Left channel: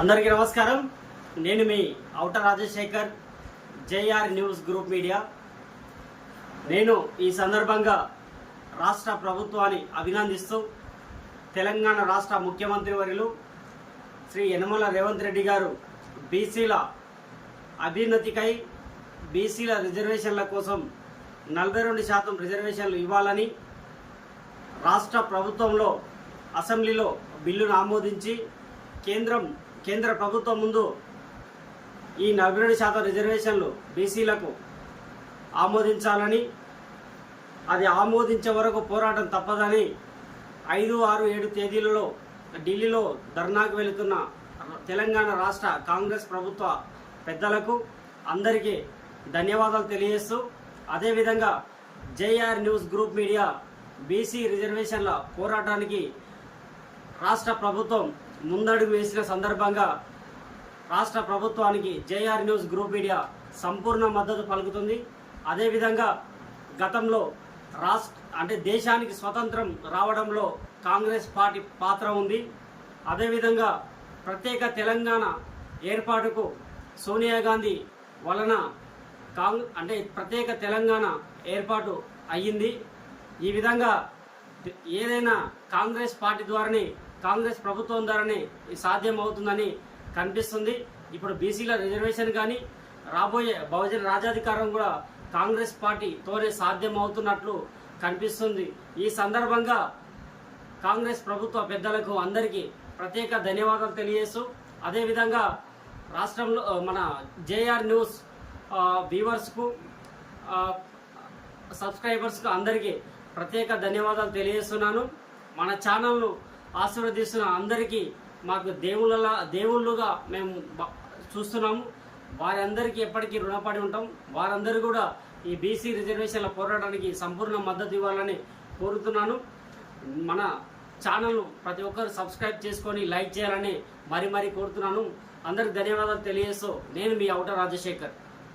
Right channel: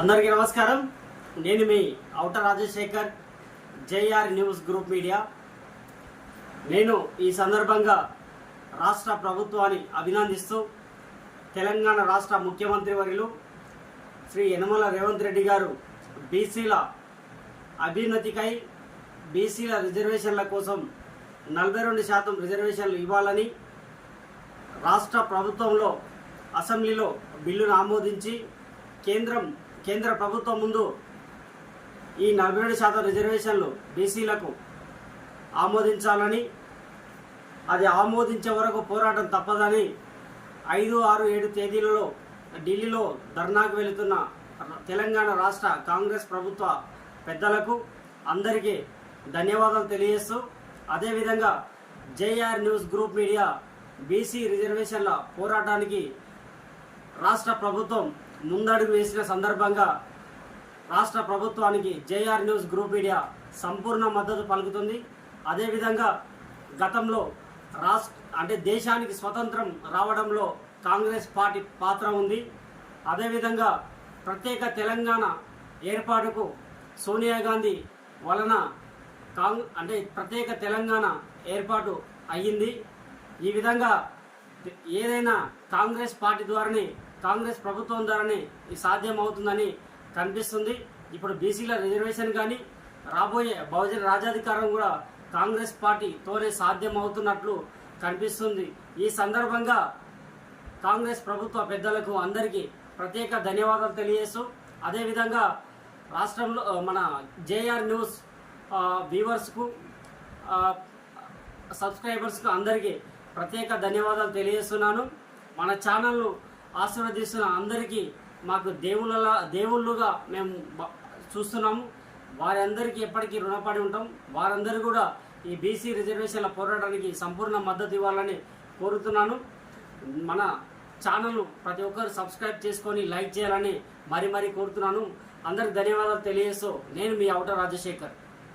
అందరికీ నమస్కారం. నేను మీ ఔట Rajasekhar JR news group media. నేను ఈ సందర్భంగా రాష్ట్ర ప్రభుత్వాన్ని అభినందిస్తూ తెలంగాణ రాష్ట్ర ముఖ్యమంత్రి వర్యులు శ్రీ యనమల రేవంత్ రెడ్డి గారు బీసీల అభ్యున్నతికై బీసీల రిజర్వేషన్ల కోసం నలభై రెండు శాతం రిజర్వేషన్లు ఇవ్వాలని రాష్ట్ర ప్రభుత్వంలో అసెంబ్లీలో బిల్లును ఆమోదించి కేంద్రం కేంద్ర ప్రభుత్వం ముందు ఈ నలభై రెండు శాతం రిజర్వేషన్లు బీసీలకు ఆమోదించాలని అది ఆమోదించే వరకు పోరాటం తప్పదని ఐదు ఆరు ఏడు తేదీలలో ఢిల్లీలో ధర్నాకు వెళుతున్న తెలంగాణ రాష్ట్ర కాంగ్రెస్ ప్రభుత్వ పెద్దలకు అందరికీ ధన్యవాదాలు తెలియజేస్తూ అదేవిధంగా JR news group media BC రిజర్వేషన్ల పోరాటానికి రాష్ట్ర ప్రభుత్వం ముందడుగు వేసిన సందర్భంగా రాష్ట్ర ప్రభుత్వానికి జేఆర్ న్యూస్ గ్రూప్ మీడియా సంపూర్ణ మద్దతు పలుకుతుంది. అదేవిధంగా గతంలో రాష్ట్ర అంటే దేశానికి స్వతంత్రం రావడంలో కాంగ్రెస్ పార్టీ పాత్ర ఉంది. అదేవిధంగా ప్రత్యేక తెలంగాణ ఏర్పాటుకు సోనియా గాంధీ వలన కాంగ్ అంటే ప్రత్యేక తెలంగాణ ఏర్పాటు అయ్యింది. ఈ విధంగా ఏదైనా కాంగ్రెస్ పార్టీ ద్వారానే కాంగ్రెస్ ప్రభుత్వం ద్వారానే సాధ్యం అవుతుందని కనిపిస్తుంది. ఇప్పుడు బీసీల రిజర్వేషన్ కానీ రాబోయే బహుజన రాజాధికారం కూడా కాంగ్రెస్ పార్టీతోనే సాధ్యం అవుతున్నట్లు కనిపిస్తుంది. ఈ సందర్భంగా కాంగ్రెస్ ప్రభుత్వ పెద్దలకు అందరికీ ప్రత్యేక ధన్యవాదాలు తెలియజేస్తూ అదేవిధంగా రాష్ట్రంలో మన జేఆర్ న్యూస్ వ్యూవర్స్కు సబ్స్క్రైబర్స్కు అందరికీ ప్రత్యేక ధన్యవాదాలు తెలియజేస్తున్నాను. మన ఛానల్ను ఆశీర్వదిస్తున్న అందరికీ మాకు దేవుళ్ళ దేవుళ్ళుగా మేము చూస్తున్నాము. వారందరికీ ఎప్పటికీ రుణపడి ఉంటాం. వారందరూ కూడా ఈ బీసీ రిజర్వేషన్ల పోరాటానికి సంపూర్ణ మద్దతు ఇవ్వాలని కోరుతున్నాను. మన ఛానల్ను ప్రతి ఒక్కరు సబ్స్క్రైబ్ చేసుకొని లైక్ చేయాలని మరీ మరీ కోరుతున్నాను. అందరికి ధన్యవాదాలు తెలియజేస్తూ నేను మీ అవుట రాజశేఖర్.